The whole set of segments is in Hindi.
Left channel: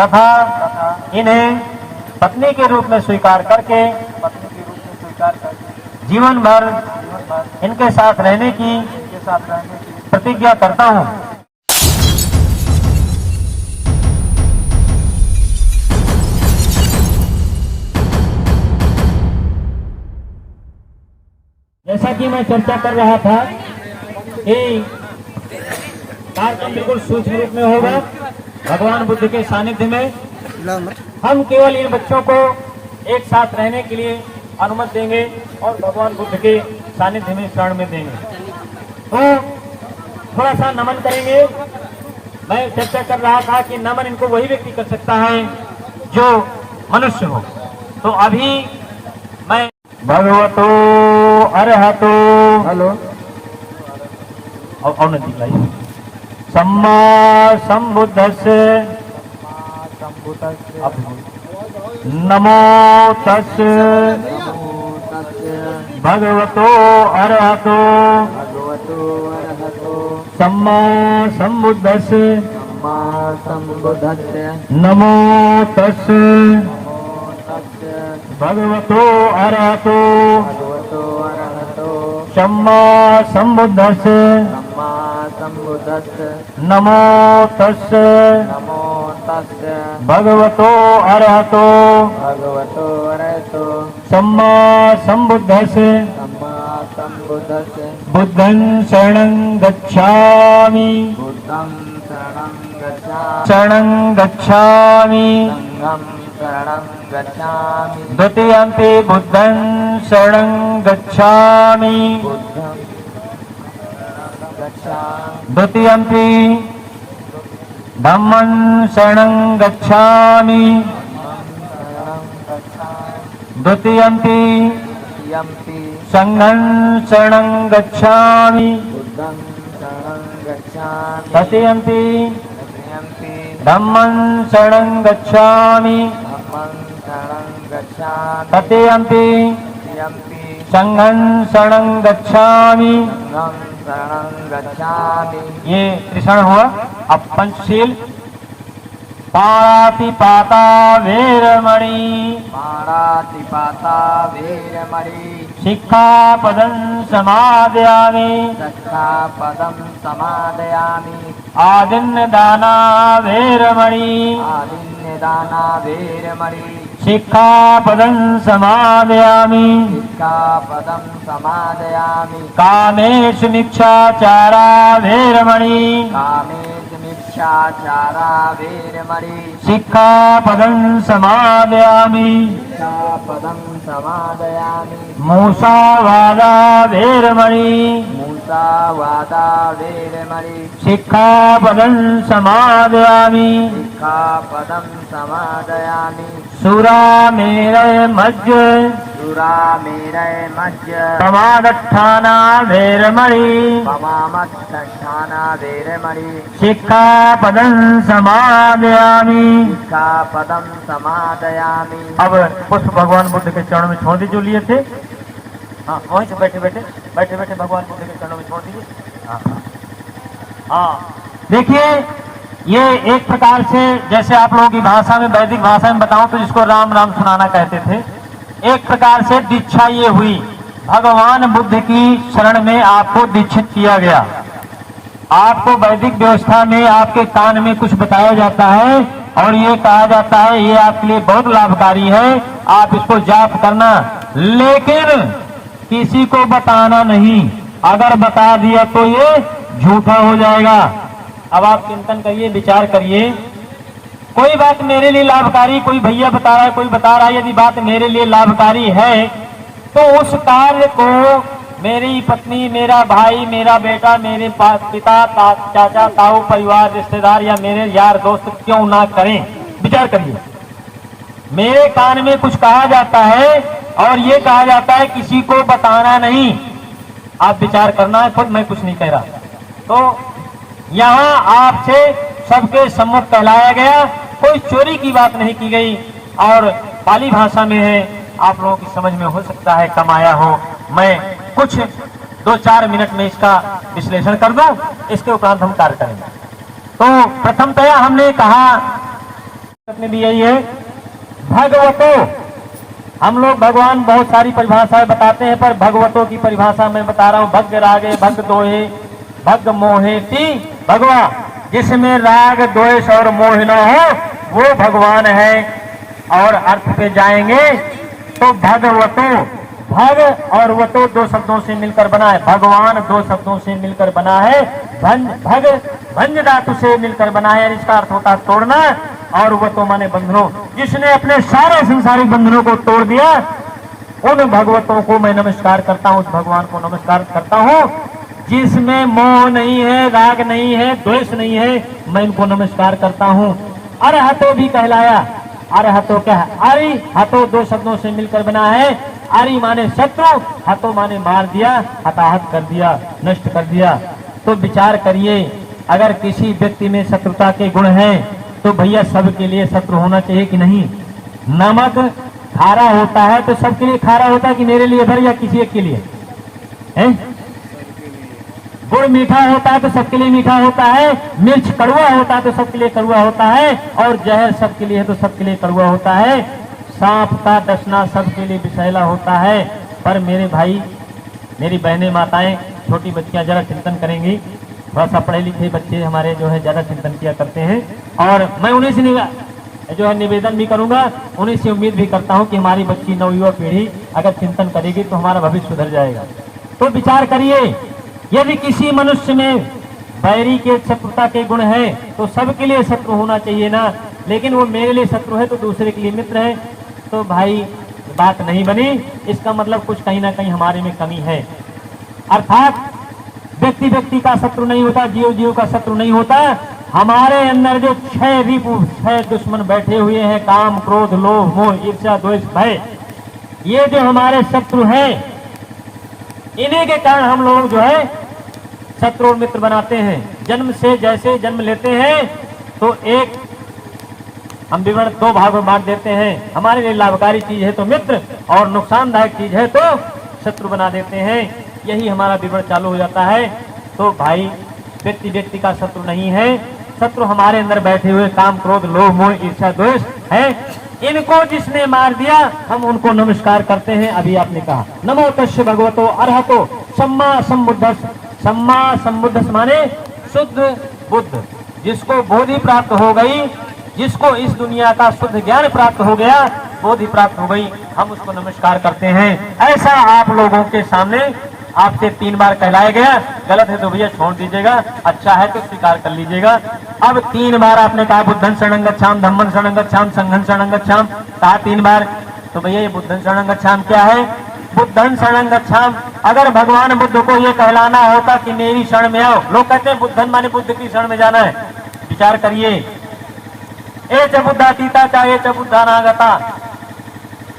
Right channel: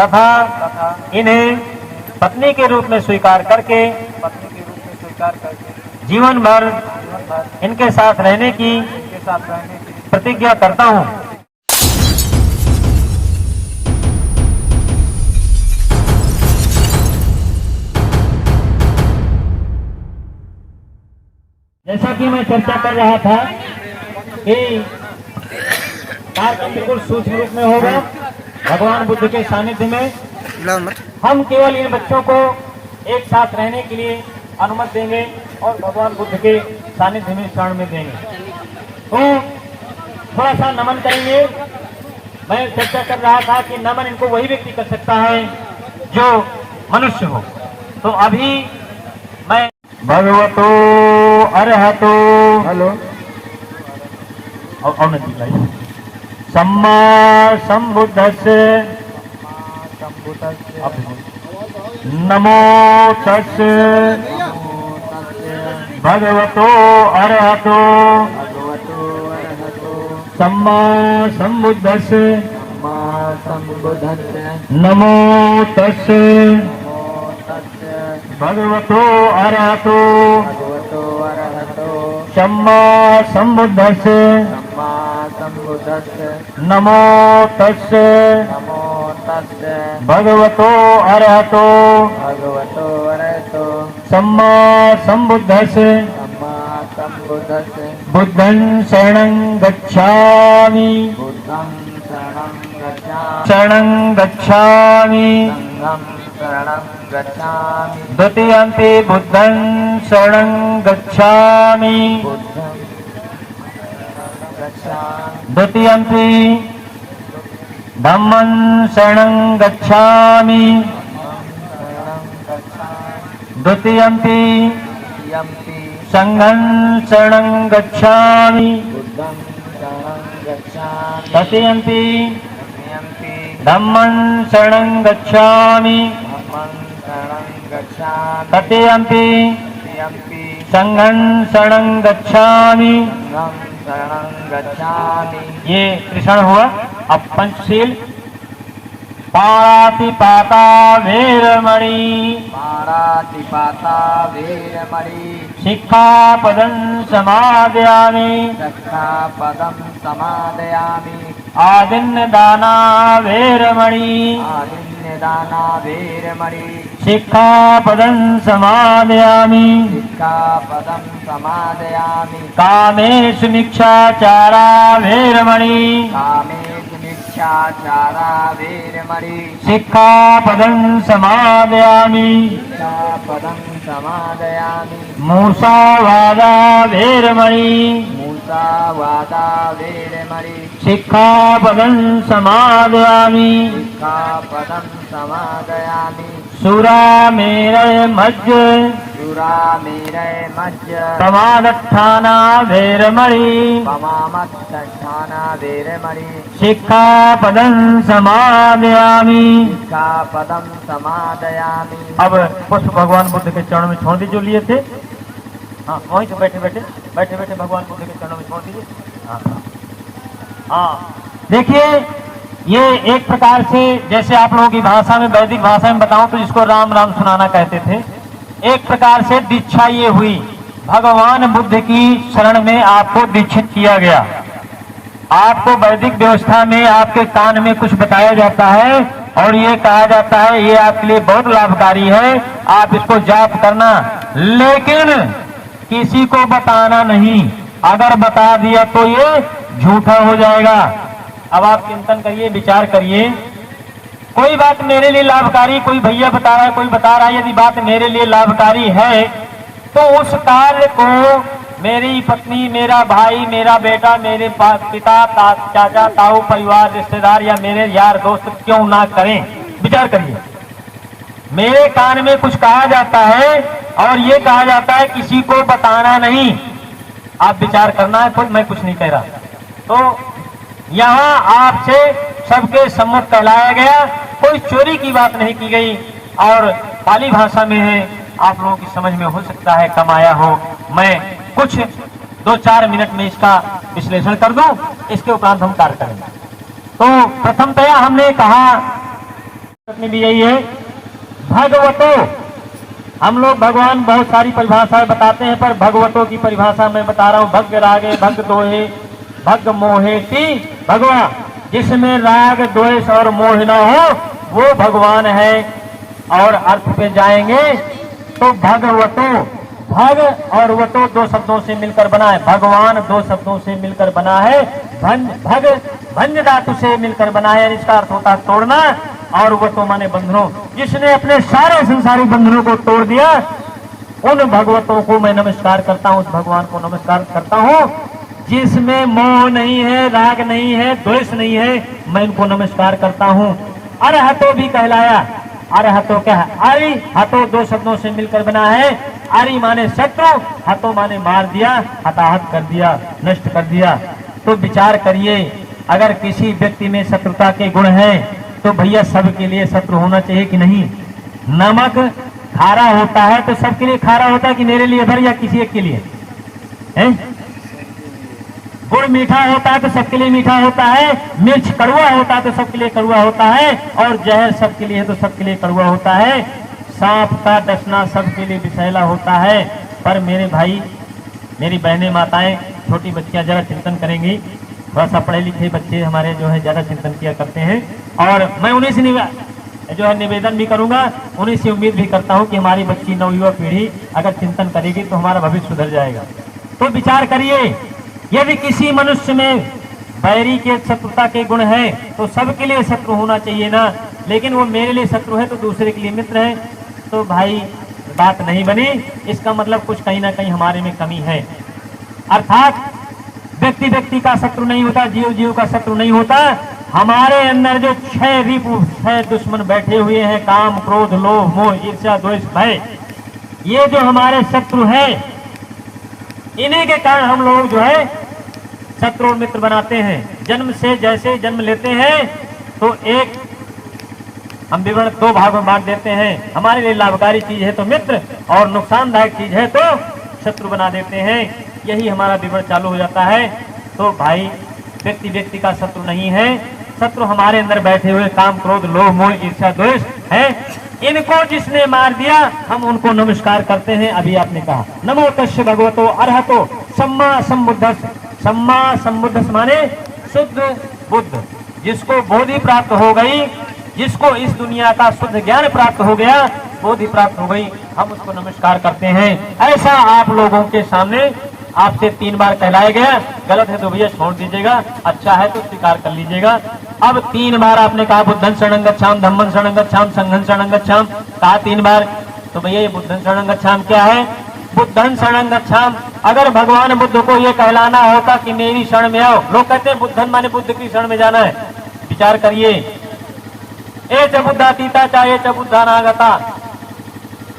तथा इन्हें पत्नी के रूप में स्वीकार करके जीवन भर इनके साथ रहने की प्रतिज्ञा करता हूं। जैसा कि मैं चर्चा कर रहा था कि कार्यक्रम बिल्कुल सूक्ष्म रूप में होगा। भगवान बुद्ध के सानिध्य में हम केवल इन बच्चों को एक साथ रहने के लिए अनुमति देंगे और भगवान बुद्ध के सानिध्य में शरण में देंगे। तो थोड़ा सा नमन करेंगे। मैं चर्चा कर रहा था कि नमन इनको वही व्यक्ति कर सकता है जो मनुष्य हो। तो अभी मैं भगवतो अरहतो हेलो और नहीं सम्मा संबुद्धस्य नमो तस्य भगवतो अरहतो सम्मा संबुद्धस्य नमो तस्य भगवतो अरहतो सम्मा संबुद्धस्य नमो तस्य भगवतो अरहतो सम्मा संबुद्धस्य बुद्धं शरणं गच्छामि शरणं गच्छामि द्वितीयंपि बुद्धं शरणं गच्छामि द्वितीयंपि धम्मं शरणं गच्छामि द्वितीयंपि संघं शरणं गच्छामि तृतीयंपि धम्मं शरणं गच्छामि तृतीयंपि संघं शरणं गच्छामि। ये कृष्ण हुआ। अब पंचशील पाणातिपाता वेरमणि शिक्षापदं समादयामि आदिन्नदाना वेरमणि शिक्षापदं समादयामि कामेषु मिच्छाचारा वेरमणि शिक्षापदं समादयामि मूसावादा वेरमणि शिक्षापदं समादयामि सुरामेरय मज्ज समादत्थाना वेरमणि शिक्षापदं समादयामि। अब पुष्प भगवान बुद्ध के चरणों में छोड़ दीजिए, जो लिए थे। हाँ वहीं से बैठे बैठे भगवान बुद्ध के चरणों में छोड़ दीजिए। हाँ देखिए, ये एक प्रकार से जैसे आप लोगों की भाषा में, वैदिक भाषा में बताऊं तो इसको राम राम सुनाना कहते थे। एक प्रकार से दीक्षा ये हुई, भगवान बुद्ध की शरण में आपको दीक्षित किया गया। आपको वैदिक व्यवस्था में आपके कान में कुछ बताया जाता है और ये कहा जाता है ये आपके लिए बहुत लाभकारी है, आप इसको जाप करना, लेकिन किसी को बताना नहीं। अगर बता दिया तो ये झूठा हो जाएगा। अब आप चिंतन करिए, विचार करिए। कोई बात मेरे लिए लाभकारी, कोई भैया बता रहा है, कोई बता रहा है, यदि बात मेरे लिए लाभकारी है तो उस कार्य को मेरी पत्नी, मेरा भाई, मेरा बेटा, मेरे पिता, चाचा, ताऊ, परिवार, रिश्तेदार या मेरे यार दोस्त क्यों ना करें। विचार करिए, मेरे कान में कुछ कहा जाता है और ये कहा जाता है किसी को बताना नहीं। आप विचार करना है, तो मैं कुछ नहीं कह रहा। तो यहाँ आपसे सबके सम्मत कहलाया गया, कोई चोरी की बात नहीं की गई और पाली भाषा में है, आप लोगों की समझ में हो सकता है कम आया हो। मैं कुछ 2-4 मिनट में इसका विश्लेषण कर दूं, इसके उपरांत हम कार्य करेंगे। तो प्रथमतया हमने कहा में भी यही है। भगवतो, हम लोग भगवान बहुत सारी परिभाषाएं बताते हैं, पर भगवतों की परिभाषा मैं बता रहा हूँ। भग रागे भग दोहे भग मोहे ती भगवा, जिसमें राग द्वेष और मोह न हो वो भगवान है। और अर्थ पे जाएंगे तो भगवतो, भग और वतो दो शब्दों से मिलकर बना है। भगवान दो शब्दों से मिलकर बना है। भग भंज धातु से मिलकर बना है, इसका अर्थ होता है तोड़ना, और वतो माने बंधनों। जिसने अपने सारे संसारिक बंधनों को तोड़ दिया, उन भगवतों को मैं नमस्कार करता हूँ, उस भगवान को नमस्कार करता हूँ। जिसमें मोह नहीं है, राग नहीं है, द्वेष नहीं है, मैं इनको नमस्कार करता हूँ। अरहतो भी कहलाया। अरहतो क्या है? अरि हतो दो शब्दों से मिलकर बना है। अरि माने शत्रु, हतो माने मार दिया, हताहत कर दिया, नष्ट कर दिया। तो विचार करिए, अगर किसी व्यक्ति में शत्रुता के गुण हैं तो भैया सबके लिए शत्रु होना चाहिए कि नहीं? नमक खारा होता है तो सबके लिए खारा होता है कि मेरे लिए भर या किसी एक के लिए है? गुड़ मीठा होता है तो सबके लिए मीठा होता है, मिर्च कड़वा होता है तो सबके लिए कड़वा होता है, और जहर सबके लिए है तो सबके लिए कड़वा होता है। सांप का डसना सबके लिए विषैला होता है। पर मेरे भाई, मेरी बहनें, माताएं, छोटी बच्चियां जरा चिंतन करेंगी। थोड़ा सा पढ़े लिखे बच्चे हमारे जो है ज्यादा चिंतन किया करते हैं, और मैं उन्हीं से जो है निवेदन भी करूंगा, उन्हीं से उम्मीद भी करता हूं कि हमारी बच्ची नवयुवा पीढ़ी अगर चिंतन करेगी तो हमारा भविष्य सुधर जाएगा। तो विचार करिए, यदि किसी मनुष्य में बैरी के शत्रुता के गुण है तो सबके लिए शत्रु होना चाहिए ना, लेकिन वो मेरे लिए शत्रु है तो दूसरे के लिए मित्र है, तो भाई बात नहीं बनी। इसका मतलब कुछ कहीं ना कहीं हमारे में कमी है। अर्थात व्यक्ति व्यक्ति का शत्रु नहीं होता, जीव जीव का शत्रु नहीं होता। हमारे अंदर जो 6 रिपु, 6 दुश्मन बैठे हुए हैं, काम क्रोध लोभ मोह ईर्ष्या द्वेष भय, ये जो हमारे शत्रु हैं, इन्हीं के कारण हम लोग जो है शत्रु मित्र बनाते हैं। जन्म से जैसे जन्म लेते हैं तो एक हम विवरण 2 भागों में बांट देते हैं। हमारे लिए लाभकारी चीज है तो मित्र, और नुकसानदायक चीज है तो शत्रु बना देते हैं। यही हमारा विवरण चालू हो जाता है। तो भाई, व्यक्ति व्यक्ति का शत्रु नहीं है, शत्रु हमारे अंदर बैठे हुए काम क्रोध लोभ मोह ईर्ष्या द्वेष है। इनको जिसने मार दिया, हम उनको नमस्कार करते हैं। अभी आपने कहा नमो तस्य भगवतो अरहतो सम्मा सम्बुद्धस्। सम्मा सम्बुद्धस् माने शुद्ध बुद्ध, जिसको बोधि प्राप्त हो गई, जिसको इस दुनिया का शुद्ध ज्ञान प्राप्त हो गया, बोधि प्राप्त हो गई, हम उसको नमस्कार करते हैं। ऐसा आप लोगों के सामने आपसे 3 बार कहलाया गया। गलत है तो भैया छोड़ दीजिएगा, अच्छा है तो स्वीकार कर लीजिएगा। अब 3 बार आपने कहा बुद्धं शरणं गच्छामि, धम्मं शरणं गच्छामि, संघं शरणं गच्छामि, कहा 3 बार। तो भैया ये बुद्धं शरणं गच्छामि क्या है? बुद्धं शरणं गच्छामि, अगर भगवान बुद्ध को ये कहलाना होता कि मेरी शरण में आओ, लोग कहते हैं बुद्धन माने बुद्ध की शरण में जाना है। विचार करिए, ए च बुद्धातीता चाहे च बुद्धानागता,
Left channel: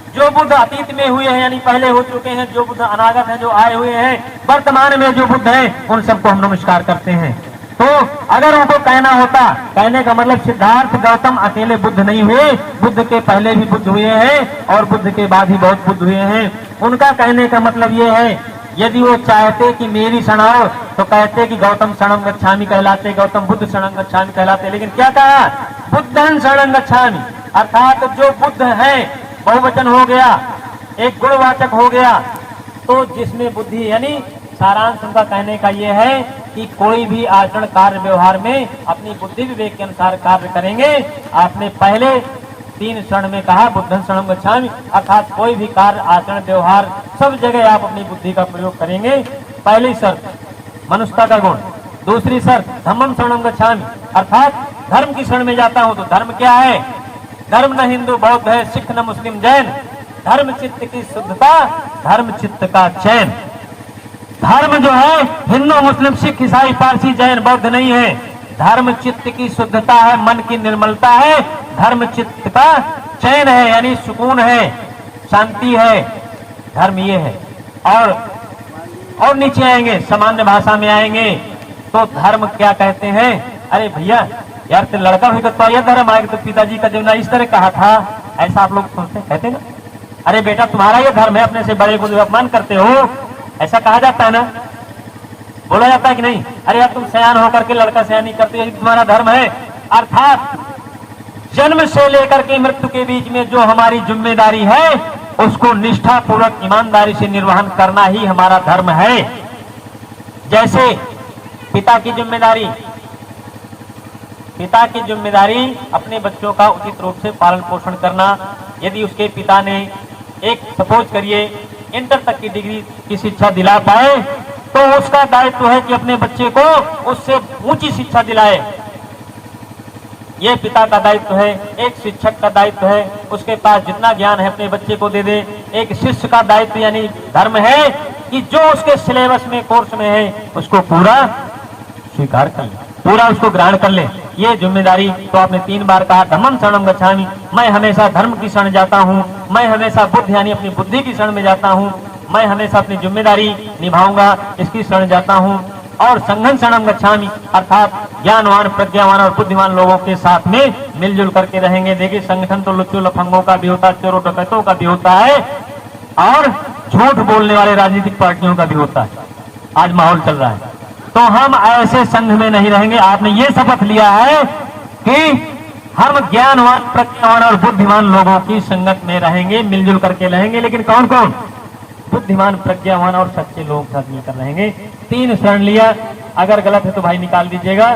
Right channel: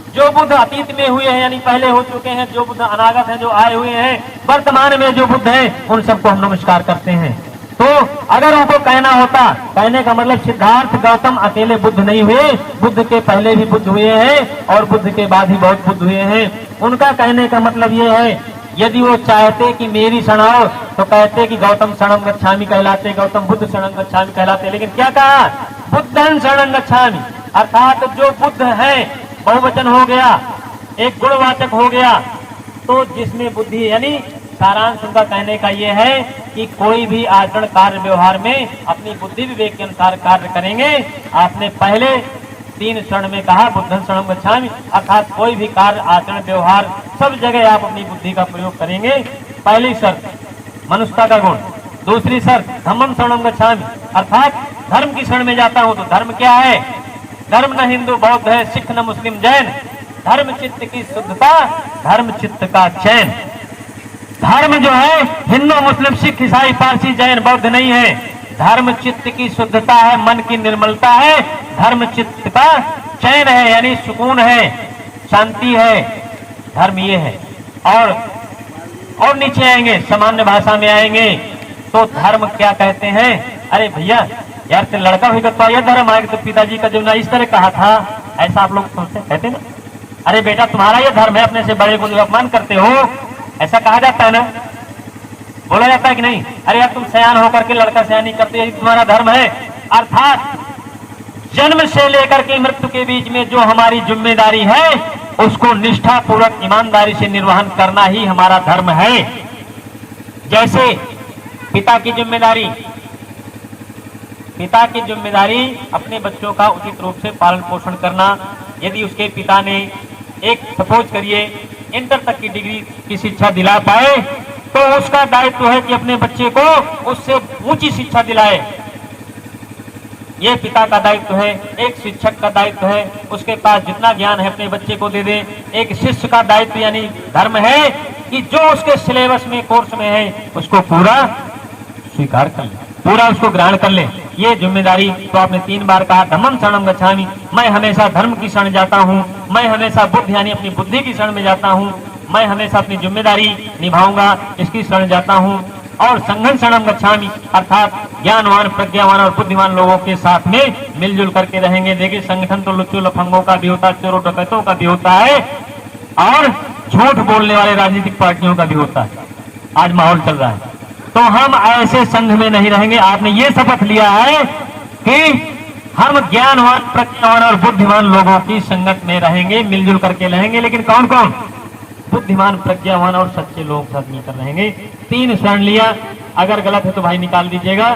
जो बुद्ध अतीत में हुए हैं यानी पहले हो चुके हैं, जो बुद्ध अनागत है जो आए हुए हैं, वर्तमान में जो बुद्ध हैं, उन सबको हम नमस्कार करते हैं। तो अगर उनको कहना होता, कहने का मतलब सिद्धार्थ गौतम अकेले बुद्ध नहीं हुए, बुद्ध के पहले भी बुद्ध हुए हैं और बुद्ध के बाद ही बहुत बुद्ध हुए हैं। उनका कहने का मतलब ये है, यदि वो चाहते कि मेरी शरण आओ तो कहते कि गौतम शरणं गच्छामि कहलाते, गौतम बुद्ध शरणं गच्छामि कहलाते। लेकिन क्या कहा? बुद्धं शरणं गच्छामि, अर्थात जो बुद्ध है, बहुवचन हो गया, एक गुणवाचक हो गया। तो जिसमें बुद्धि, यानी सारांश उनका कहने का ये है कि कोई भी आचरण कार्य व्यवहार में अपनी बुद्धि विवेक के अनुसार कार्य करेंगे। आपने पहले 3 शरण में कहा बुद्धं शरणं गच्छामि, अर्थात कोई भी कार्य आचरण व्यवहार सब जगह आप अपनी बुद्धि का प्रयोग करेंगे। पहली शर्त मनुष्यता का गुण, दूसरी शर्त धम्मं शरणं गच्छामि, अर्थात धर्म की शरण में जाता हूं। तो धर्म क्या है? धर्म न हिंदू बौद्ध है, सिख न मुस्लिम जैन, धर्म चित्त की शुद्धता, धर्म चित्त का चैन। धर्म जो है हिंदू मुस्लिम सिख ईसाई पारसी जैन बौद्ध नहीं है, धर्म चित्त की शुद्धता है, मन की निर्मलता है, धर्म चित्त का चैन है, यानी सुकून है, शांति है, धर्म ये है। और नीचे आएंगे, सामान्य भाषा में आएंगे तो धर्म क्या कहते हैं? अरे भैया यार, तो लड़का भी तो ये धर्म आएगा, तो पिताजी का जो ना इस तरह कहा था, ऐसा आप लोग सोचते कहते ना, अरे बेटा तुम्हारा ये धर्म है, अपने से बड़े को अपमान करते हो, ऐसा कहा जाता है ना, बोला जाता है कि नहीं? अरे यार तुम सयान होकर के लड़का सयानी करते हैं, तुम्हारा धर्म है। अर्थात जन्म से लेकर के मृत्यु के बीच में जो हमारी जिम्मेदारी है उसको निष्ठापूर्वक ईमानदारी से निर्वहन करना ही हमारा धर्म है। जैसे पिता की जिम्मेदारी अपने बच्चों का उचित रूप से पालन पोषण करना। यदि उसके पिता ने एक सपोज करिए इंटर तक की डिग्री की शिक्षा दिला पाए तो उसका दायित्व है कि अपने बच्चे को उससे ऊंची शिक्षा दिलाए। ये पिता का दायित्व है। एक शिक्षक का दायित्व है उसके पास जितना ज्ञान है अपने बच्चे को दे दे। एक शिष्य का दायित्व यानी धर्म है कि जो उसके सिलेबस में कोर्स में है उसको पूरा स्वीकार कर ले, पूरा उसको ग्रहण कर ले। ये जिम्मेदारी तो आपने 3 बार कहा धम्मं शरणं गच्छामि, मैं हमेशा धर्म की शरण जाता हूँ, मैं हमेशा बुद्ध यानी अपनी बुद्धि की शरण में जाता हूँ, मैं हमेशा अपनी जिम्मेदारी निभाऊंगा इसकी शरण जाता हूँ। और संघं शरणं गच्छामि अर्थात ज्ञानवान प्रज्ञावान और बुद्धिमान लोगों के साथ में मिलजुल करके रहेंगे। देखिए संगठन तो लुच्चों लफंगों का भी होता है, चोरों डकैतों का भी होता है और झूठ बोलने वाले राजनीतिक पार्टियों का भी होता है। आज माहौल चल रहा है तो हम ऐसे संघ में नहीं रहेंगे। आपने ये शपथ लिया है कि हम ज्ञानवान प्रज्ञावान और बुद्धिमान लोगों की संगत में रहेंगे, मिलजुल करके रहेंगे। लेकिन कौन कौन? बुद्धिमान प्रज्ञावान और सच्चे लोग सब मिलकर रहेंगे। 3 शरण लिया, अगर गलत है तो भाई निकाल दीजिएगा,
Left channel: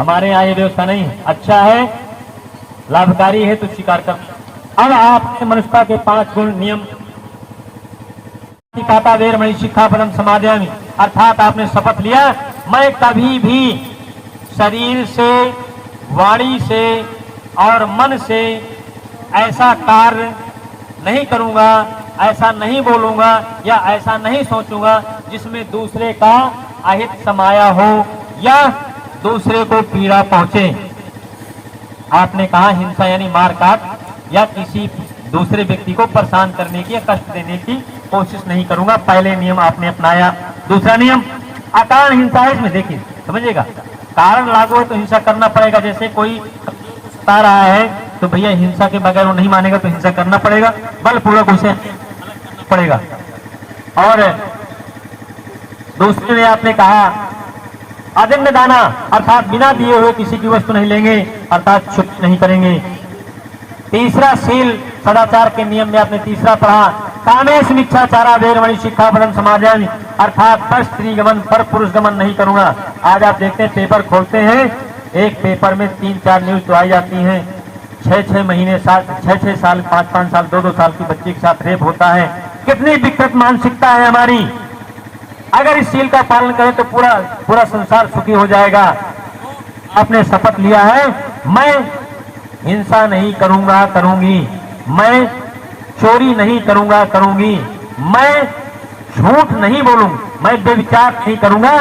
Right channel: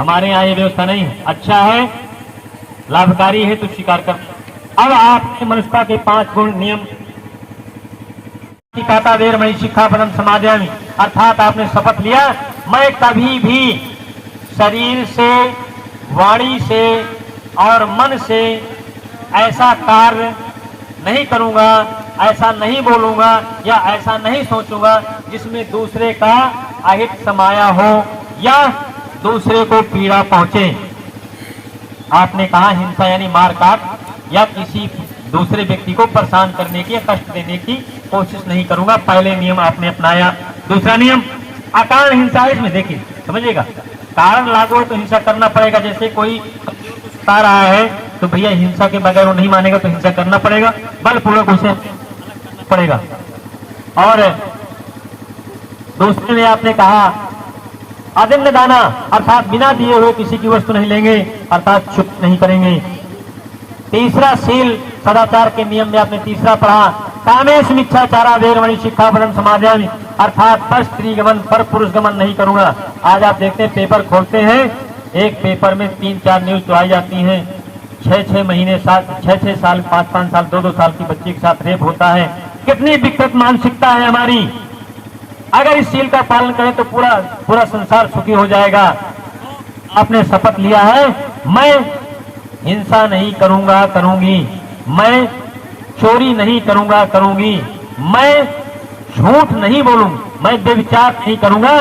हमारे यहाँ ये व्यवस्था नहीं है। अच्छा है, लाभकारी है तो स्वीकार करना। अब आपने मनुष्यता के 5 गुण नियम पाता देर मणि शिक्षापदम समादयामि अर्थात आपने शपथ लिया मैं कभी भी शरीर से, वाणी से और मन से ऐसा कार्य नहीं करूंगा, ऐसा नहीं बोलूंगा या ऐसा नहीं सोचूंगा जिसमें दूसरे का अहित समाया हो या दूसरे को पीड़ा पहुंचे। आपने कहा हिंसा यानी मारकाट या किसी दूसरे व्यक्ति को परेशान करने की या कष्ट देने की कोशिश नहीं करूंगा। पहले नियम आपने अपनाया। दूसरा नियम अकारण हिंसा है। इसमें देखिए समझिएगा, कारण लागू हो तो हिंसा करना पड़ेगा। जैसे कोई बता रहा है तो भैया हिंसा के बगैर वो नहीं मानेगा तो हिंसा करना पड़ेगा, बलपूर्वक उसे अलग करना पड़ेगा। और दूसरे में आपने कहा अदम्य दाना अर्थात बिना दिए हुए किसी की वस्तु नहीं लेंगे अर्थात छुप नहीं करेंगे। तीसरा शील सदाचार के नियम में आपने तीसरा पढ़ा कामेश मिथ्याचारा वेरमणि शिक्षापदम समादयामि अर्थात पर स्त्री गमन पर पुरुष गमन नहीं करूंगा। आज आप देखते हैं पेपर खोलते हैं, एक पेपर में 3-4 न्यूज तो आई जाती हैं। 6-6 महीने 6-6 साल 5-5 साल 2-2 साल की बच्ची के साथ रेप होता है। कितनी विकृत मानसिकता है हमारी। अगर इस शील का पालन करें तो पूरा संसार सुखी हो जाएगा। आपने शपथ लिया है मैं हिंसा नहीं करूंगा करूंगी, मैं चोरी नहीं करूंगा करूंगी, मैं झूठ नहीं बोलूंगा, मैं व्यभिचार नहीं करूंगा,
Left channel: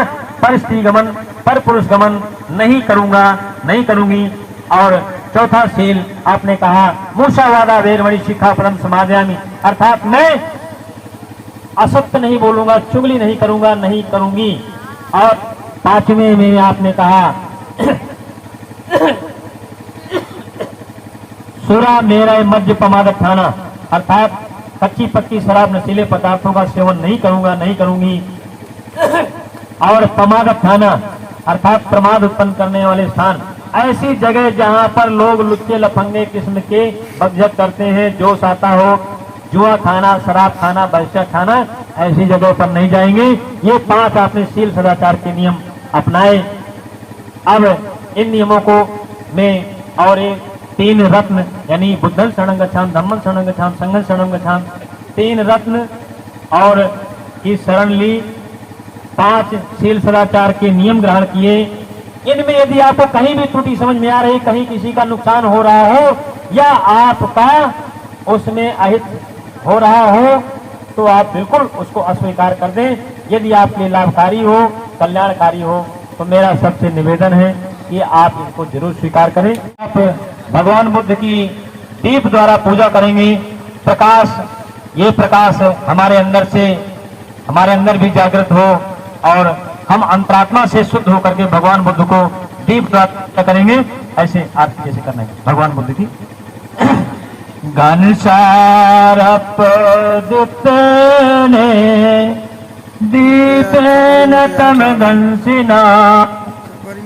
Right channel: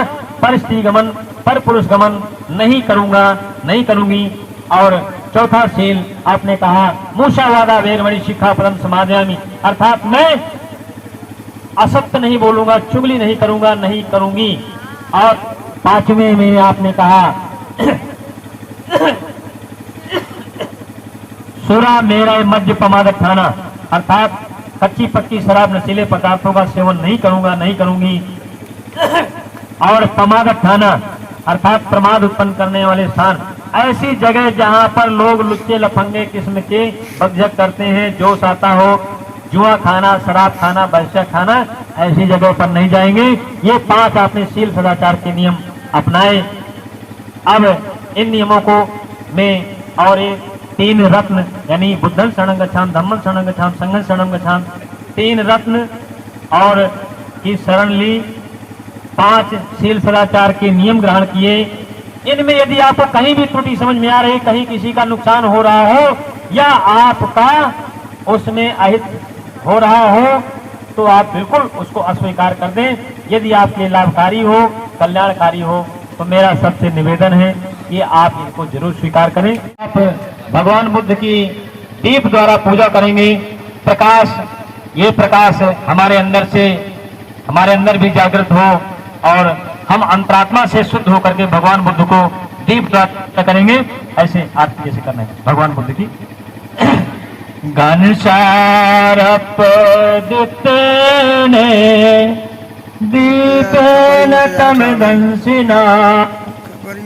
पर स्त्री गमन पर पुरुष गमन नहीं करूंगा नहीं करूंगी। और चौथा शील आपने कहा मूषावादा वेरमणि शिक्षापदम समादयामि अर्थात मैं असत्य नहीं बोलूंगा, चुगली नहीं करूंगा नहीं करूंगी। और 5वें में आपने कहा सुरा मेरा मध्य प्रमादक खाना अर्थात कच्ची पक्की शराब नशीले पदार्थों का सेवन नहीं करूंगा नहीं करूंगी। और प्रमादक खाना अर्थात प्रमाद उत्पन्न करने वाले स्थान, ऐसी जगह जहां पर लोग लुच्चे लफंगे किस्म के बकझक करते हैं, जोश आता हो, जुआ खाना, शराब खाना, बलशा खाना, ऐसी जगह पर नहीं जाएंगे। ये 5 आपने शील सदाचार के नियम अपनाए। अब इन नियमों को में और 3 रत्न यानी बुद्धं शरणं गच्छामि, धम्मं शरणं गच्छामि, संघं शरणं गच्छामि, 3 रत्न और की शरण ली, 5 शील सदाचार के नियम ग्रहण किए। इनमें यदि आपको कहीं भी त्रुटि समझ में आ रही, कहीं किसी का नुकसान हो रहा हो या आपका उसमें अहित हो रहा हो तो आप बिल्कुल उसको अस्वीकार कर दें। यदि आपके लाभकारी हो, कल्याणकारी हो तो मेरा सबसे निवेदन है कि आप इनको जरूर स्वीकार करें। आप भगवान बुद्ध की दीप द्वारा पूजा करेंगे। प्रकाश, ये प्रकाश हमारे अंदर भी जागृत हो और हम अंतरात्मा से शुद्ध होकर के भगवान बुद्ध को दीप द्वारा करेंगे। ऐसे आप जैसे करना है भगवान बुद्ध की घनसार पदुत्तने दीपेन तमदंसिना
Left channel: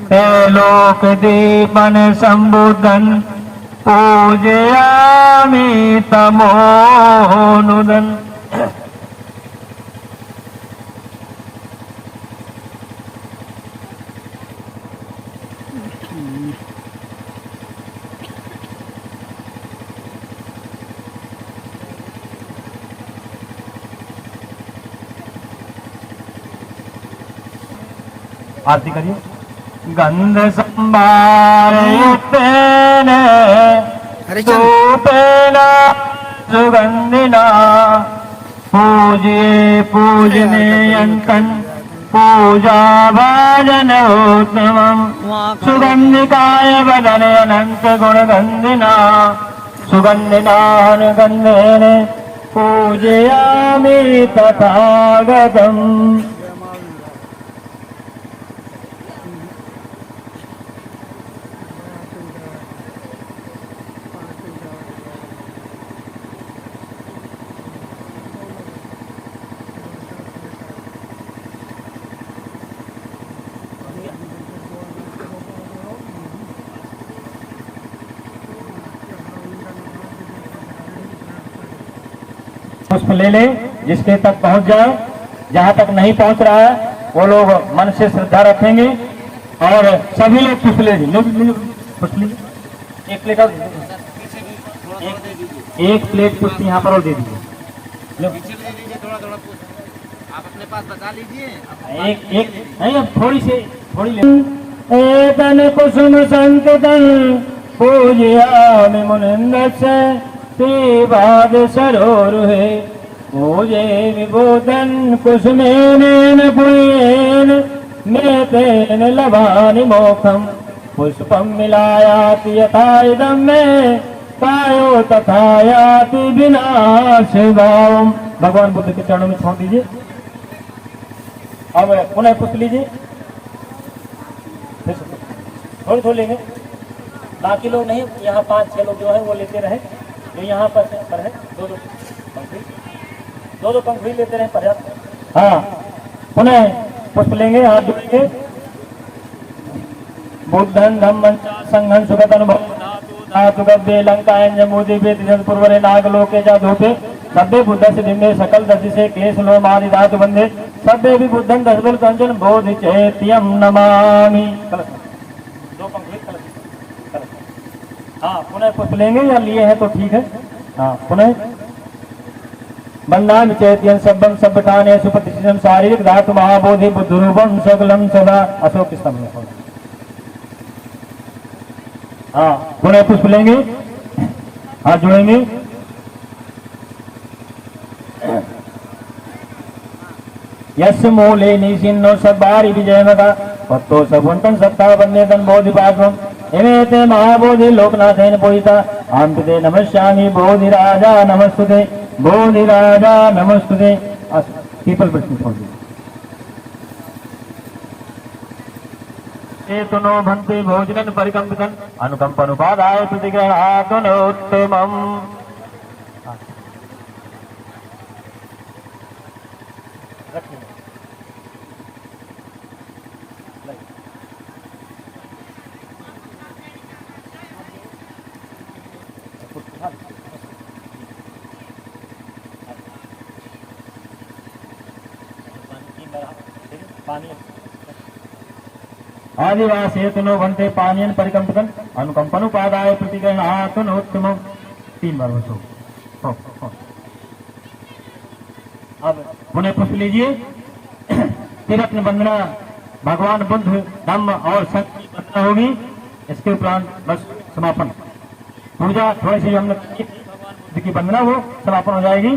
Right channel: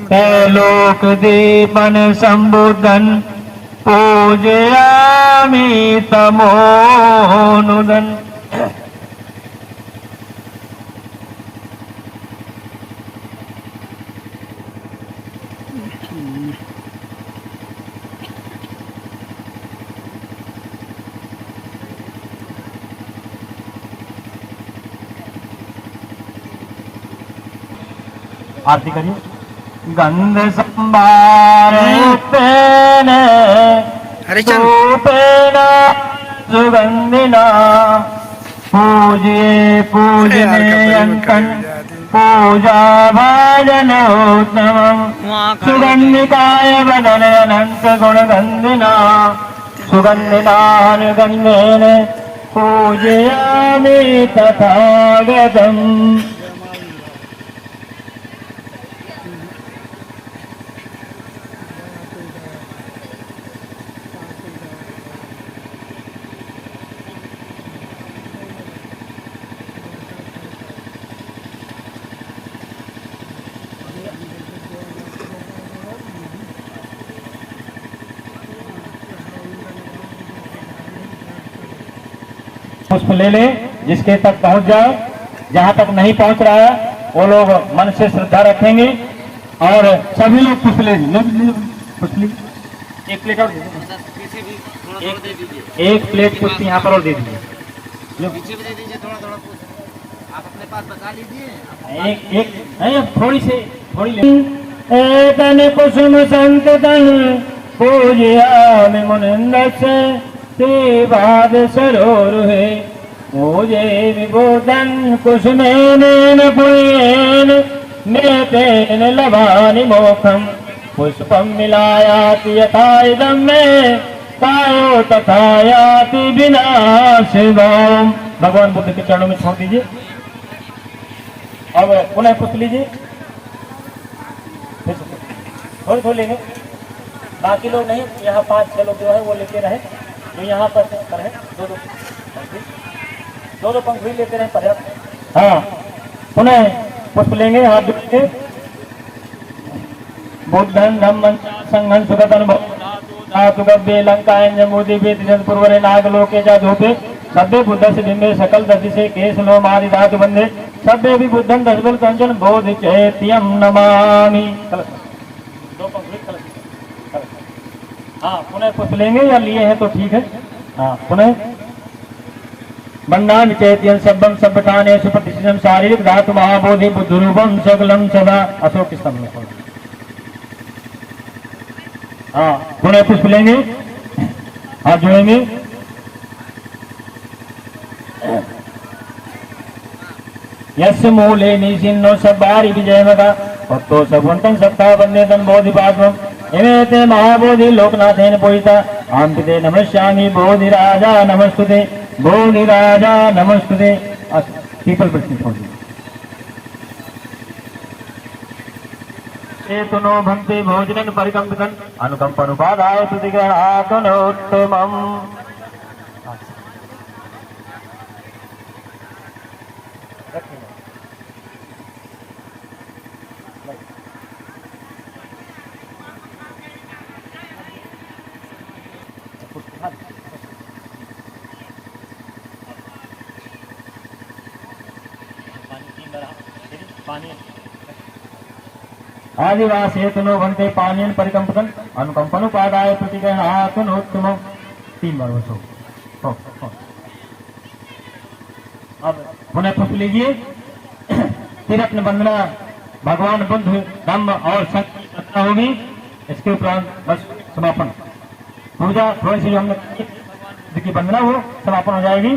तैलोक दीपन संबुद्धन पूजयामि तमोनुदन्। आरती करिए। गंध संभारेण धूपेन सुगंधिना पूजे पूजनीयन्तं पूजा भाजनोत्तमं सुगंधिकाय वदनयनन्त गुणगन्धिना सुगन्धिनानुगन्धेन पूजयामि तथागतम्। पुष्प ले ले, जिसके तक पहुंच जाए। जहां तक नहीं पहुंच रहा है वो लोग मन से श्रद्धा रखेंगे और सभी लोग पुष्प ले पुष्प लीजिए। एक प्लेट और एक प्लेट पुष्प यहाँ पर और दे दीजिए। आप अपने पास बचा लीजिए। एक थोड़ी ले। एकन कुसुम संततं पूजयामि मुनिन्दस्य सेवाद सरोरुहे पूजे विबोधन कुसुमेन पुण्येन मेतेन लभानि मोक्षं पुष्पं मिलायाति यथा इदं मे कायो तथा याति विनाशिवाम्। भगवान बुद्ध के चरणों में छोड़ दीजिए। अब पुनः पुष्प लीजिए। थोड़ी थोड़ी लेंगे, बाकी लोग नहीं। यहाँ 5-6 लोग जो है वो लेते रहे, जो यहाँ पर है दो पंखुड़ी लेते रहे पर्याप्त। हाँ, पुनः पुष्प लेंगे, हाथ जोड़ेंगे। बुद्धं धम्मं संघं सुगतनुभवो धातु गव्ये लंकायं जम्बूदि वेदिनं पूर्वरे नागलोके च धूपे सभ्य बुद्धस्य बिम्बे सकल दधिसे केश लोमादि धातु बंधे सभ्य भी बुद्धं दशबल कंचन बोधि चैत्यं नमामि। दो पंखुड़ी हाँ, पुनः पुष्प लेंगे या लिए हैं तो ठीक है। हाँ, पुनः बंदामि चैत्यं सब्बं सभ्यतानेषु प्रतिष्ठितं शारीरिक धातु महाबोधि बुद्धरूपं सकलं सदा अशोक स्तंभ। हाँ, पुनः पुष्प लेंगे, हाथ जोड़ेंगे। यस्य मूले निसिन्नो सब्बारि विजयमदा भक्तो सगुणतं सत्ता वन्देतं बोधिपात्रम् इमेते महाबोधि लोकनाथेन पूजिता आम्पिते नमस्यामि बोधिराजा नमस्तुते बोधिराजा नमस्तुते। पीपल प्रश्न छोड़ दीजिए। चेतनो भंते भोजनं परिकम्पितन् अनुकम्पनुपादाय प्रतिग्रहातुनोत्तमम्। आदिवास हेतुनो घंटे पानीन परिकंपन अनुकंपनुपादाय प्रतिग्रहातुनोत्तमम्। 3 बार बसो। अब पुनः पुष्प लीजिए। तिरत्न वंदना भगवान बुद्ध धम्म और संघ की वंदना होगी। इसके उपरांत बस समापन पूजा थोड़ी सी हमने भगवान बुद्ध की वंदना हो समापन हो जाएगी।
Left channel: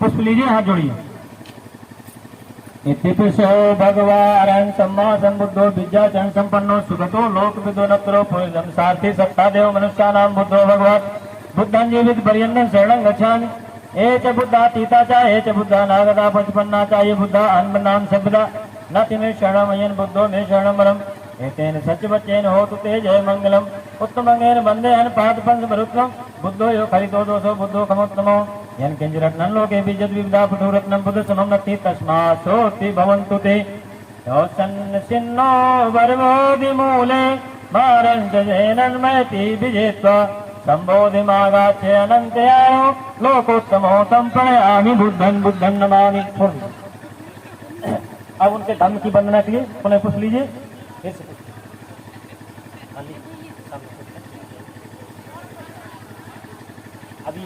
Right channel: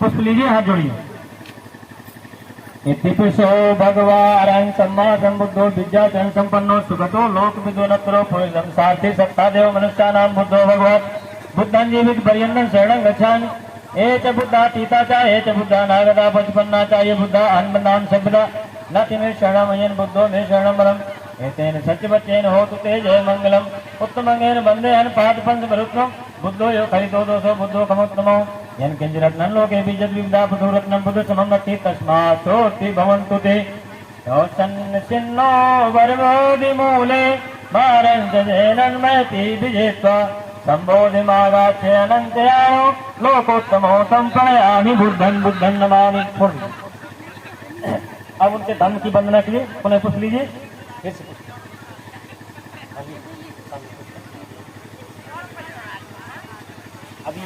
पुष्प लीजिए, हाथ जोड़िए। इतिपिशो भगवान् सम्मा संबुद्धो विद्याचरण संपन्नो सुगतो लोक विदोनत्रो पूर्णं सार्थी सत्तादेव मनुष्याणां बुद्धो भगवान् बुद्धं जीवित पर्यन्तं शरणं गच्छामि। एच बुद्धातीता च एच बुद्धा नागदा पचपन्ना च ये बुद्धा अन्मनां शब्दा न तिमे शरणमयन बुद्धो मे शरणं वरम् एतेन सच्चवच्चेन होतु ते जय मंगलम् उत्तमंगेन वन्दे अन पाद पंच मरुत्वम् बुद्धो यो खलितो दोषो बुद्धो खमोत्तमो यन किंचिरत्नं लोके बीजद् विविधा पुरुरत्नं बुद्ध समं नत्ति तस्मात् सोऽस्ति भवन्तु ते शोचन् चिन्नो वरमोदि मूले मारन्त जेनन्मयति विजेत्वा संबोधिमागाच्छे अनंतयानो लोकोत्तमो संप्रणयामि बुद्धं बुद्धं नमामि। अब उनके धर्म की वंदना के लिए पुनः पूछ लीजिए, फिर से अभी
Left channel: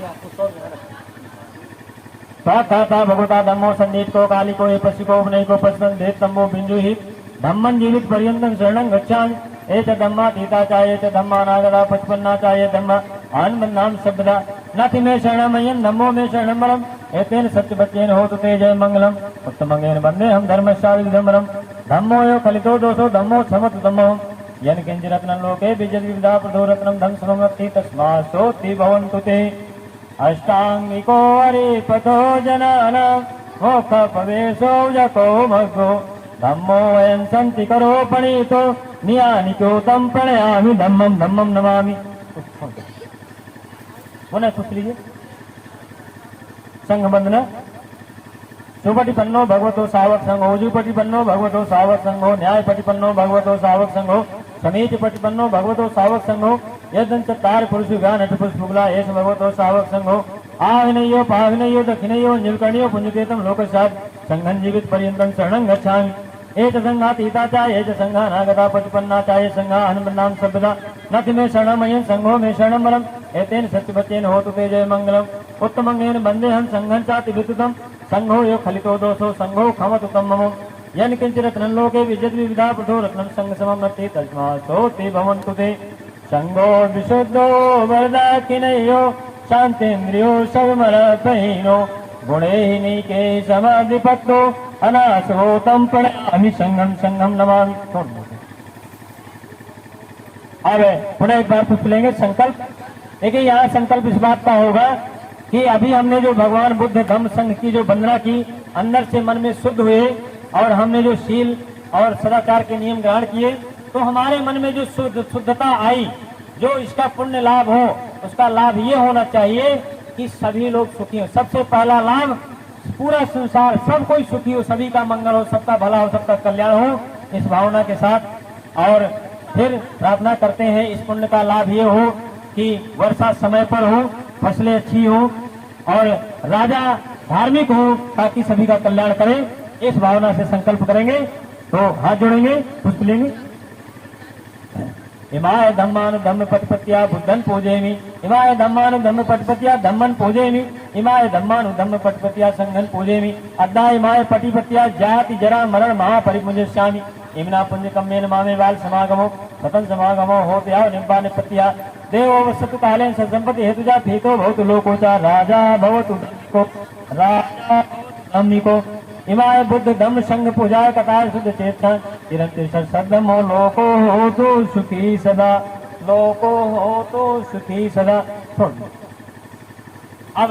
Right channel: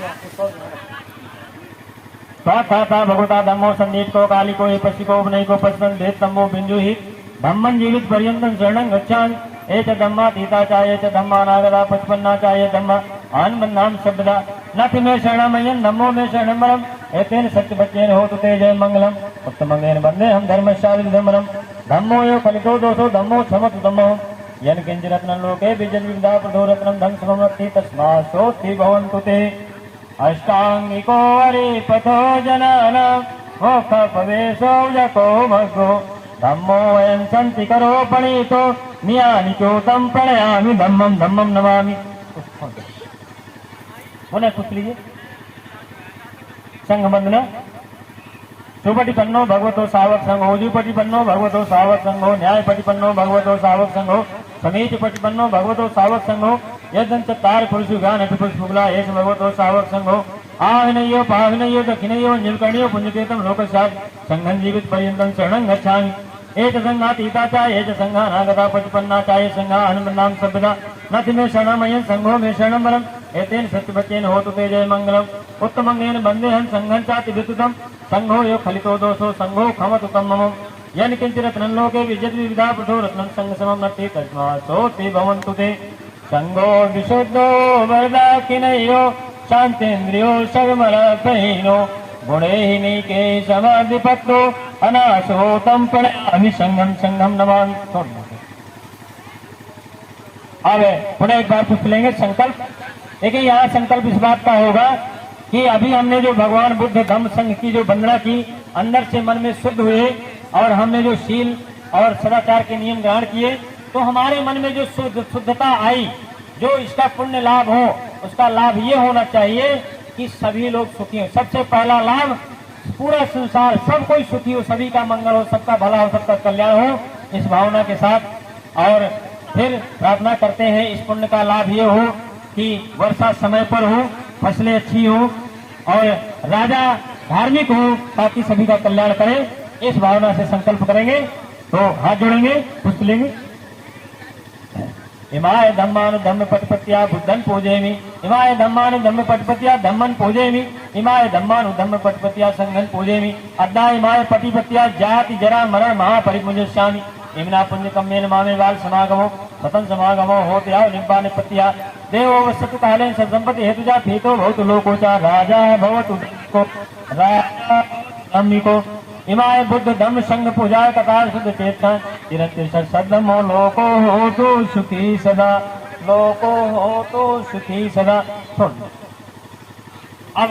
था भगवता धम्मो संदीप को काली को पशु को उपनय को पशुपन भेद तम्बो बिंजु ही धम्मन जीवित पर्यंतम शरणं गच्छामि। एच धम्मा तीता चाहे च धम्मा नागदा पचपन्ना चाहे धम्मा आनमन्नाम शब्दा नथ में शरणमयन धम्मो में शरणमरम एतेन सत्य बच्चेन होतु ते जय मंगलम उत्तमंगेन वंदे हम धर्मशास्त्र धम्मरम धम्मो यो कलितो दोषो धम्मो क्षमत धम्मो यन किंच रत्नं लोके विजन विविधा प्रदो रत्नं धम सममति तस्मास्तोति भवन्तु ते अष्टांगिको हरि पथो जनान मोक्ष प्रवेशो यको मग्गो धम्मो वयं संति करो पणितो नियानिको तम प्रणयामि धम्मं धम्मं नमामि। पुनः पूछ लीजिए संघ बंधना सुपटिपन्नो भगवतो सावक संघो जुपटिपन्नो भगवतो सावक संघो न्यायपटिपन्नो भगवतो सावक संघो समीचपटिपन्नो भगवतो सावक संघो यदंत तार पुरुषुगा नट पुष्पुला एस भगवतो सावक संघो आविनयो पाविनयो दक्षिणयो नीलकर्णयो पुण्यतीर्थम लोकशाद संघं जीवित पर्यंतं शरणं गच्छामि। एच संघा तीता चा एच संघा नागता पचपन्ना चाय संघा हनुमन्नाम शब्दा नथ में शरणमयं संघो में शरणमरम एतेन सत्यवचेन होतु ते जय मंगलम उत्तमंगेन वंदे हम संघं चाति विद्युतम संघो यो खलितो दोषो संघो खमतु तम्मम यन किंच रत्नं लोके विजत विविधा पृथो रत्नं संघ सममति तस्मात् भवन्तु ते संघो विशुद्धो वरदाकिनयो शांतेन्द्रियो सर्वमरपहीनो गुणैहिनीके समाधिपत्रो अनासो तम प्रणयामि संघं संघं नमामि। अब पुनः एक बार पूछ लेंगे संकल्प। देखिए यहाँ संकल्प इस बात का होगा कि अभी हमने जो भगवान बुद्ध धम्म संघ की जो वंदना की अंदर से मन में शुद्ध हुए और हमने जो शील और सदाचार के नियम ग्रहण किए तो हमारे मन में जो शुद्धता आई, जो इसका पुण्य लाभ हो उसका लाभ ये होना चाहिए कि सभी लोग सुखी हो। सबसे पहला लाभ पूरा संसार सब कोई सुखी हो, सभी का मंगल हो, सबका भला हो, सबका कल्याण हो, इस भावना के साथ। और फिर प्रार्थना करते हैं इस पुण्य का लाभ ये हो कि वर्षा समय पर हो, फसलें अच्छी हो और राजा धार्मिक हो ताकि सभी का कल्याण करे। इस भावना से संकल्प करेंगे तो हाथ जोड़ेंगे, पुष्प लेंगे। इमाय धम्मान धम्म पटपत्या बुद्धन पूजेमि इमाय धम्मान धम्म पटपत्या धम्मन पूजेमि इमाय धम्मान धम्म पटपत्या संघन पूजेमि अद्दा इमाय पटिपत्या जाति जरा मरण महापरिपुंजस्यामि इमना पुण्य कम्येन मामे बाल समागमो सतन समागमो होत्या निब्बान पत्या देवो वसतु कालेन संपत्ति हेतुजा भीतो भवतु लोकोचा राजा भवतु को राजा अम्मिको इमाय बुद्ध धम्म संघ पूजाय कतार शुद्ध चेतन चिरंतिर सदमो लोको हो तो सुखी सदा लोको हो तो सुखी सदा। अब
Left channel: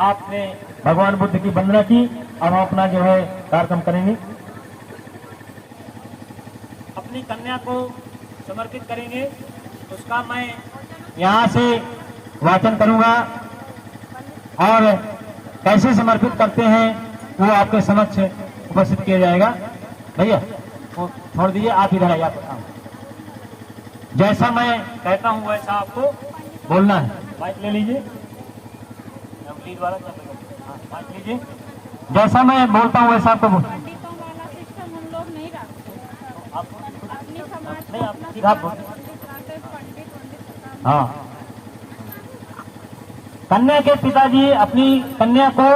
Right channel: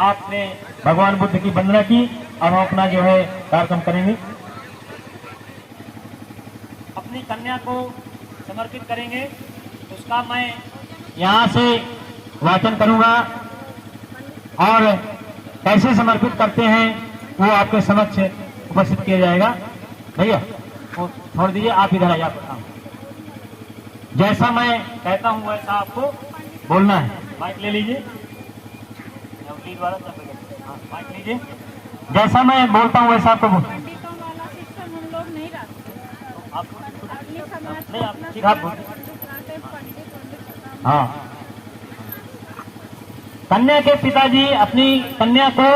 आपने भगवान बुद्ध की वंदना की, अब हम अपना जो है कार्यक्रम करेंगे। अपनी कन्या को समर्पित करेंगे, उसका मैं यहाँ से वाचन करूंगा और कैसे समर्पित करते हैं वो आपके समक्ष उपस्थित किया जाएगा। भैया वो छोड़ दीजिए, आप इधर आइए। जैसा मैं कहता हूँ वैसा आपको बोलना है। माइक ले लीजिए, माइक लीजिए। जैसा मैं बोलता हूँ वैसा आपको बोल। हाँ, कन्या के पिताजी अपनी कन्या को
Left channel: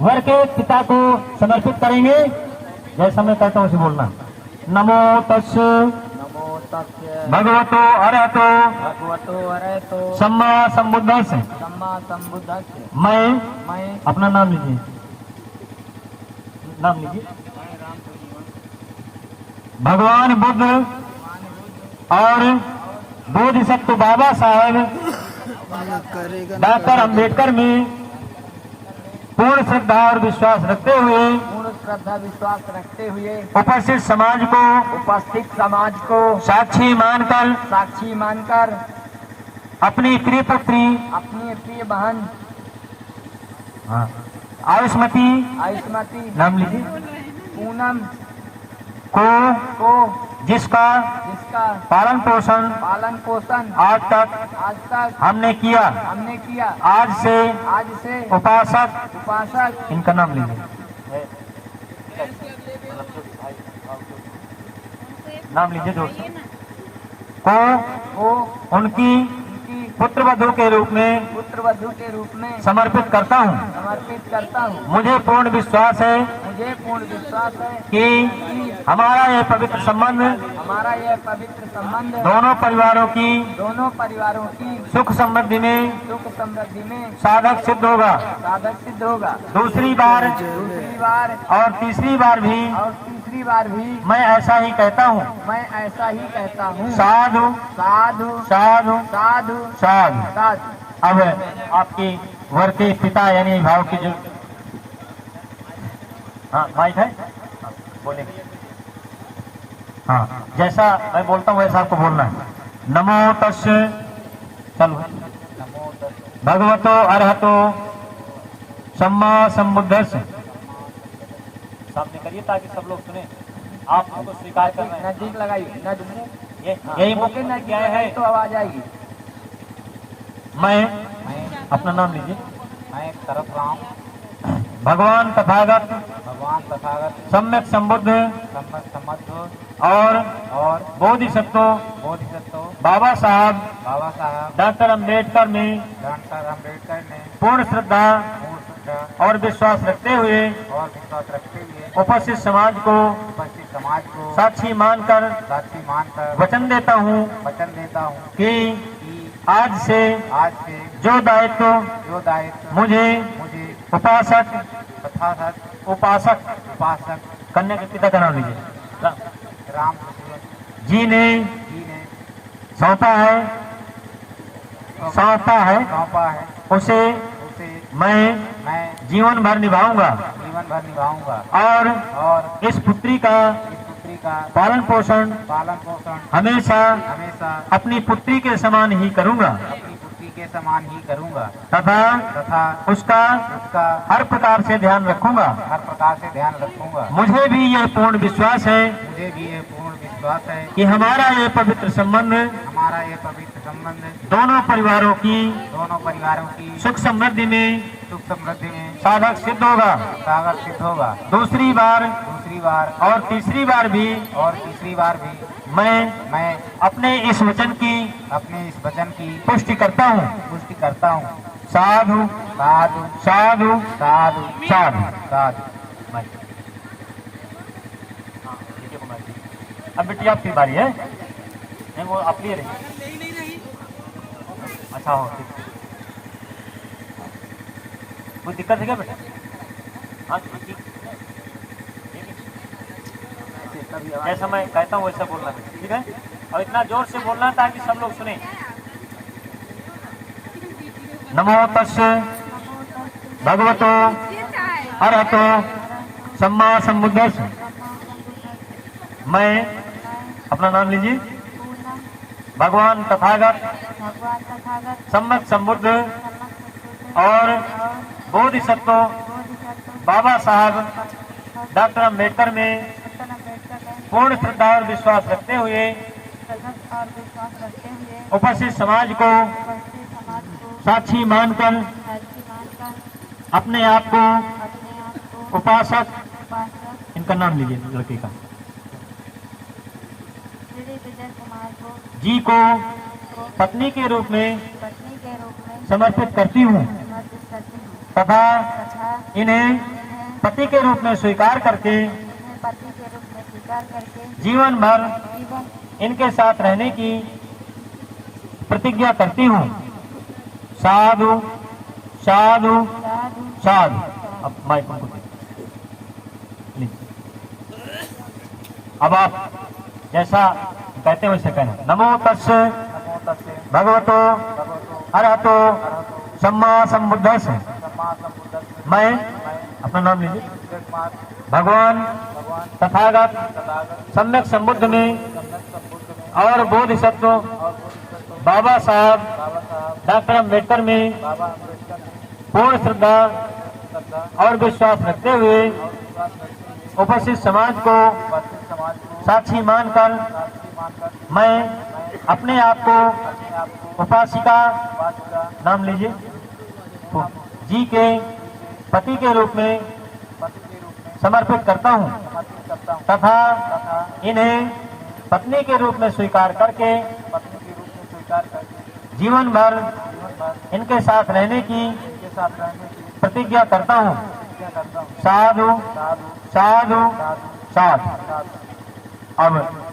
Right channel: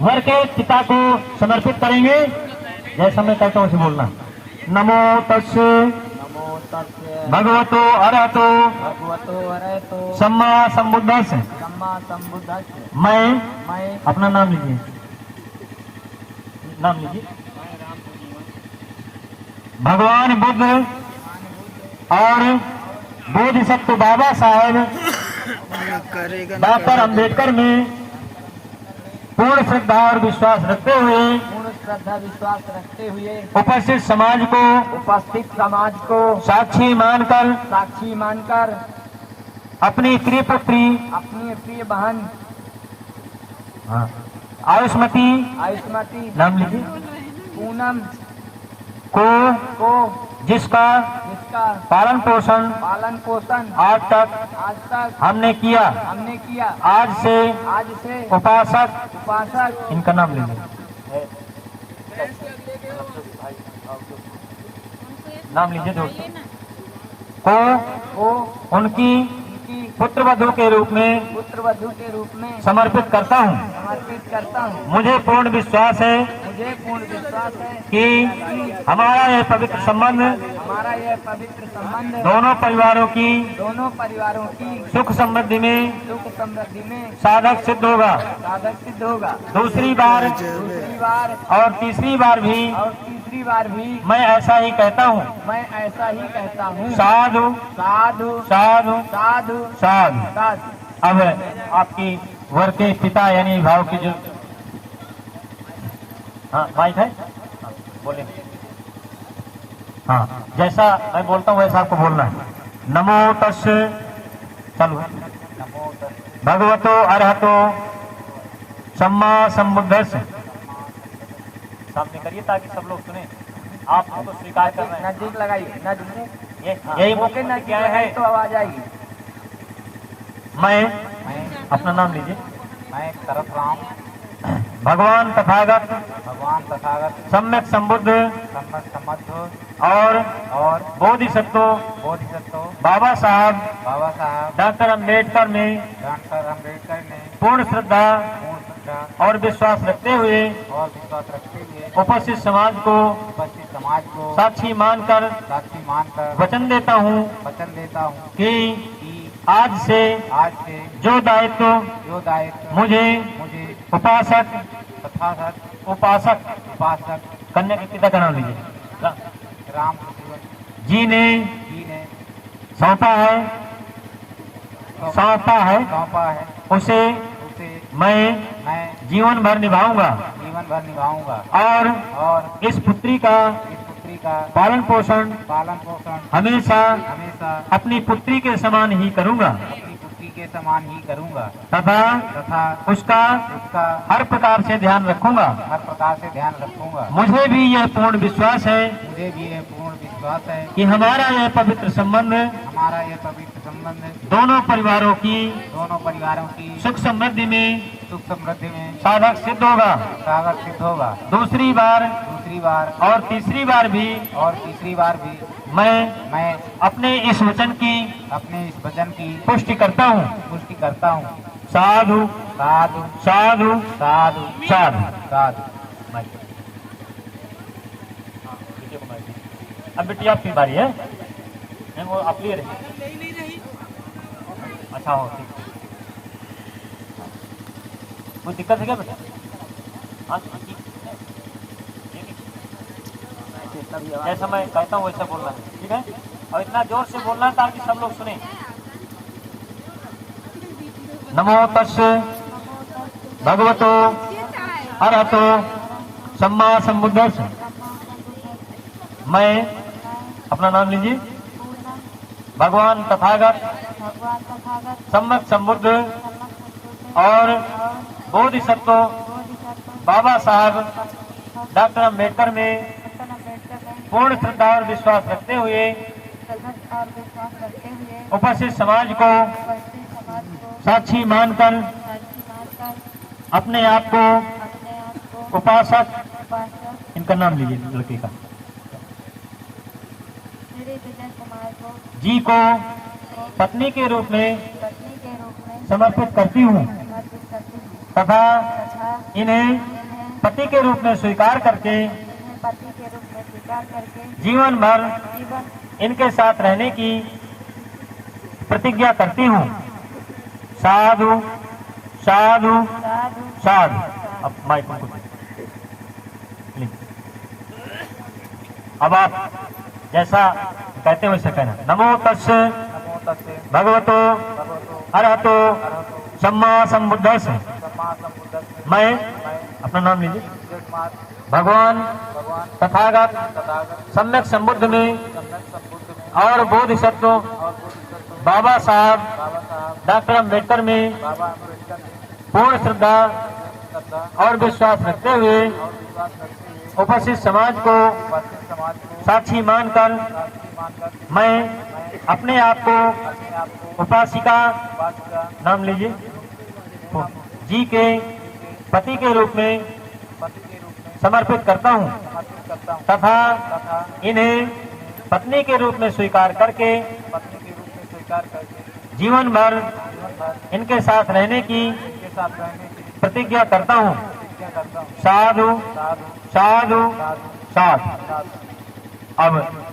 वर के पिता को समर्पित करेंगे। जैसा मैं कहता हूँ उसे बोलना। नमो तस्से भगवतो अरहतो सम्मा संबुद्धस्स मैं अपना नाम लीजिए, नाम लीजिए। भगवान बुद्ध और बोधिसत्व बाबा साहेब डॉक्टर अंबेडकर में पूर्ण श्रद्धा और विश्वास रखते हुए उपस्थित समाज को साक्षी मानकर अपनी प्रिय पुत्री प्रिय बहन आयुष्मती नाम लीजिए पूनम को जिसका का पालन पोषण पालन पोषण आज तक हमने किया। आज से उपासक इनका नाम लीजिए, नाम लीजिए दोस्तों, को उनकी पुत्रवधू के रूप में समर्पित करता हूँ। मुझे पूर्ण विश्वास है कि हमारा यह पवित्र संबंध दोनों परिवारों की सुख समृद्धि में साधक सिद्ध होगा। दूसरी बार और तीसरी बार भी मैं ऐसा ही कहता हूँ। साधु साधु साधु साधु साधु। अब आपकी वर के पिता यानी भाव की जो भाई है बोले, हाँ जैसा मैं बोलता हूँ वैसा आपको बोलना है। नमो तस्य चलो भगवतो अरहतो सम्मा संबुद्धस्य। सामने करिए ताकि सब लोग सुने। आप तो स्वीकार कर रहे हैं। नजदीक लगाइए, यही ओके ना क्या है तो आवाज आएगी। मैं अपना नाम लीजिए। मैं तरफ रहा हूँ भगवान तथागत सम्यक संबुद्ध और बोधिसत्व बाबा साहब डॉक्टर अम्बेडकर में पूर्ण श्रद्धा और विश्वास रखते हुए उपस्थित समाज को साक्षी मानकर वचन देता हूँ कि आज से जो दायित्व मुझे उपासक कन्या के पिता का नाम लीजिए राम जी ने सौंपा है उसे मैं जीवन भर निभाऊंगा और इस पुत्री का पालन पोषण हमेशा अपनी पुत्री के समान ही करूंगा तथा उसका हर प्रकार से ध्यान रखूंगा। मुझे भी यह पूर्ण विश्वास है कि हमारा यह पवित्र संबंध दोनों परिवारों की सुख समृद्धि में साधक सिद्ध होगा। दूसरी बार और तीसरी बार भी मैं अपने इस वचन की पुष्टि करता हूँ। साधु साधु साधु साधु साधु साधु। अब बेटी आपकी बारी है। नहीं वो आप लिए रहे। अच्छा हो ठीक। कोई दिक्कत है क्या बेटा? हाँ जैसा मैं कहता हूँ वैसा बोलना है, ठीक है? और इतना जोर से बोलना है ताकि सब लोग सुने। नमो तस्य भगवतो अरहतो सम्मा संबुद्धस्य। मैं अपना नाम लीजिए। भगवान तथागत सम्यक संबुद्ध और बोधिसत्व बाबा साहब डॉक्टर अम्बेडकर में पूर्ण श्रद्धा और विश्वास रखते हुए उपस्थित समाज को साक्षी मानकर अपने आप को उपासक इनका नाम लीजिए लड़के का जी को पत्नी के रूप में समर्पित करती हूँ तथा इन्हें पति के रूप में स्वीकार करके जीवन भर इनके साथ रहने की प्रतिज्ञा करती हूँ। साधु साधु साधु। अब माइक अब आप जैसा कहते हैं वैसे कहना। नमो तस्य भगवतो अरहतो सम्मा संबुद्धस्य। मैं अपना नाम लीजिए। भगवान तथागत सम्यक संबुद्ध में और बोधिसत्व बाबा साहब डॉक्टर अम्बेडकर में पूर्ण श्रद्धा और विश्वास रखते हुए उपस्थित समाज को साक्षी मानकर मैं अपने आप को अपने आप को उपासिका उपासिका नाम लीजिए जी के पति के रूप में पति के रूप में समर्पित करता हूँ समर्पित करता हूँ तथा तथा इन्हें पत्नी के रूप में स्वीकार करके पत्नी के रूप में स्वीकार करके जीवन भर जीवन भर इनके साथ रहने की उनके साथ रहने की प्रतिज्ञा करता हूँ। प्रतिज्ञा करता हूँ। साधु साधु साधु साधु साधु साधु। आमीन।